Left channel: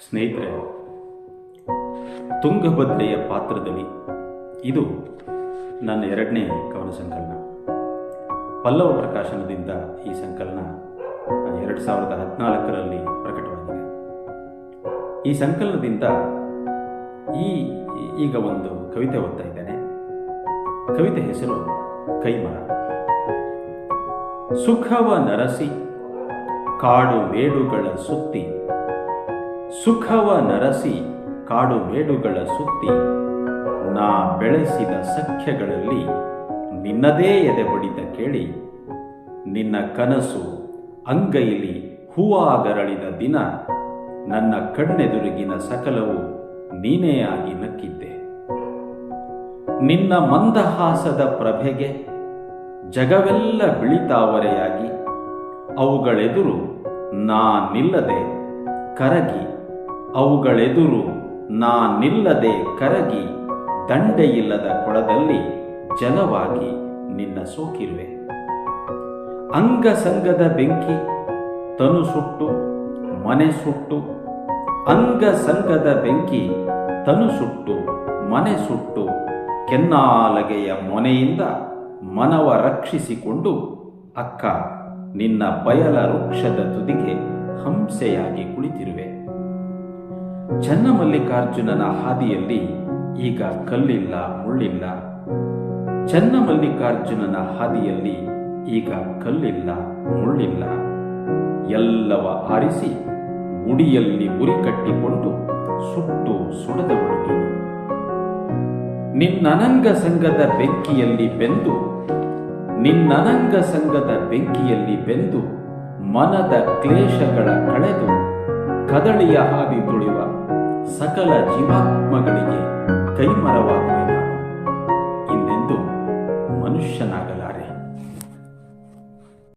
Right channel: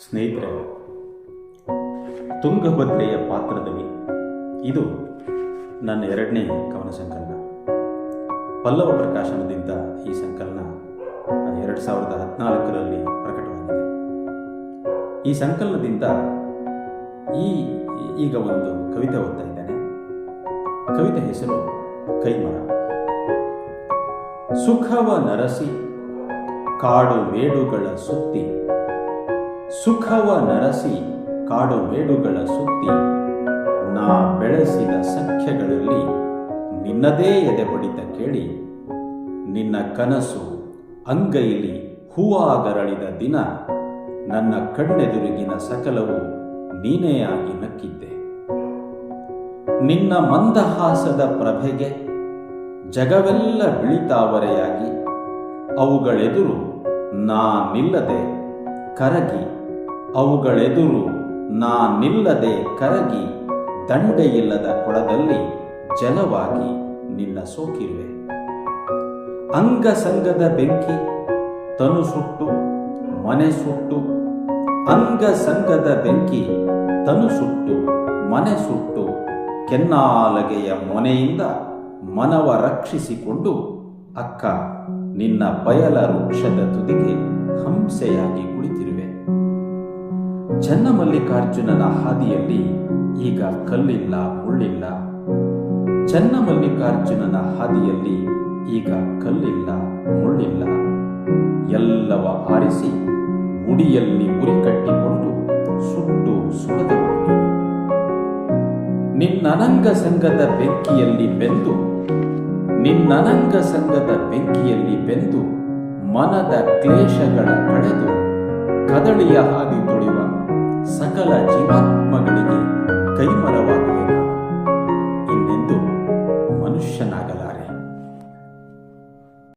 ಸ್ನೇಹಿತರೆ, ತುಂಗಭದ್ರೆಯ ಪಾತ್ರದಲ್ಲಿ ಇದು ನನ್ನ ಎರಡನೇ ಕವನ ಸಂಕಲನ. ಪಲ್ಲವ ಪ್ರಕಾಶನದಿಂದ ಈ ಸಂಕಲನ 2014ರಲ್ಲಿ ಪ್ರಕಟವಾಗಿದೆ. ಈ ಸಂಕಲನದಿಂದ ಈಗ ಒಂದು ಕವಿತೆ ಓದ್ತಾ ಇದ್ದೇನೆ. ಕವಿತೆ ಹೆಸರು ಕೈಮರ. ಸುಖವ ನರಸಿ ಕಾಡು ಮೇಡುಗಳ ಸುತ್ತಿ, ಸುಖವ ನರಸಿ ಕಾಡು ಮೇಡುಗಳ ಸುತ್ತಿ, ನಾ ಬೆಳೆಸಿದ ಸಖ್ಯಗಳಲ್ಲಿ ನಿನ್ನದೇ ಎದೆ ಬಡಿತ ಕೇಳಿ, ನಿನ್ನ ಕನಸು ಅಂಗೈಲಿ ಹೂವಾಗರಳಿದ ದಿನ, ನನ್ನ ಕಣ್ಣೆದುರಿಗಿನ ಸಕಲವು ನೀನೇ ಆಗಿ ನಕ್ಕಿದ್ದೆ. ನಿನ್ನ ಮಂದಹಾಸದ ಪ್ರಭೆಗೆ ಜಗವೆಲ್ಲ ಬಿಳಿತಾವರೆಯಾಗಿ, ಅವುಗಳೆದುರು ನಾ ನಿಲ್ಲದೆ ಕರಗಿ, ಅವುಗಳೆದುರು ನಾ ನಿಲ್ಲದೆ ಕರಗಿ, ದಂಡೆಯಿಲ್ಲದ ಕೊಳದಲ್ಲಿ ಜಲವಾಗಿ ನಿನ್ನ ಸೋಕಿರುವೆ. ಅಂಗಸಂಗದ ಬೆಂಕಿ ತನು ಸುಟ್ಟು ಮನೆ ಸುಟ್ಟು, ಅಂಗಸಂಗದ ಬೆಂಕಿ ತನು ಸುಟ್ಟು ಮನೆ ಸುಟ್ಟು, ಕೆನ್ನಾಲಗೆಯ ಮೊನೆಯಿಂದ ಮನವ ರಕ್ಷಿಸಿಕೊಂಡು, ಅಕ್ಕ ನಿನ್ನ ಬಯಲ ವೃಕ್ಷದ ತುದಿಗೆ ಹಂಸೆಯಾಗಿ ಕುಳಿತಿರುವೆ. ಚನ್ನಮಲ್ಲಿಕಾರ್ಜುನನ ಹಾದಿಯಲ್ಲಿ ಈಗ ಕಲ್ಲಿಲ್ಲ ಮುಳ್ಳಿಲ್ಲ, ಚನ್ನಮಲ್ಲಿಕಾರ್ಜುನನ ಹಾದಿಯಲ್ಲಿ ಈಗ ಕಲ್ಲಿಲ್ಲ ಮುಳ್ಳಿಲ್ಲ, ಎಲ್ಲವ ಆರಿಸಿ ಉಡಿಯಲ್ಲಿ ಉರಿ ಕಟ್ಟಿಕೊಂಡು ಸುಟ್ಟು ಸುಡದವಳು ನೀನು. ನಿನ್ನನಂಗ ಸಂಗದ ಬೆಂಕಿಯಲ್ಲಿ ಬೆಂದು, ನಿನ್ನನಂಗ ಸಂಗದ ಬೆಂಕಿಯಲ್ಲಿ ಬೆಂದು, ಮನದ ಕ್ಲೇಶಗಳ ಕಳೆದು ಕದಳಿಯ ಹಾದಿ ತುಳಿವ ಸಕಲ ಜೀವಾತ್ಮಗಳಿಗೆ ಕೈಮರವಾಗುವೆ ನಾನು. ಇನ್ನೆಂದು ಮನುಷ್ಯನಾಗಲಾರೆ.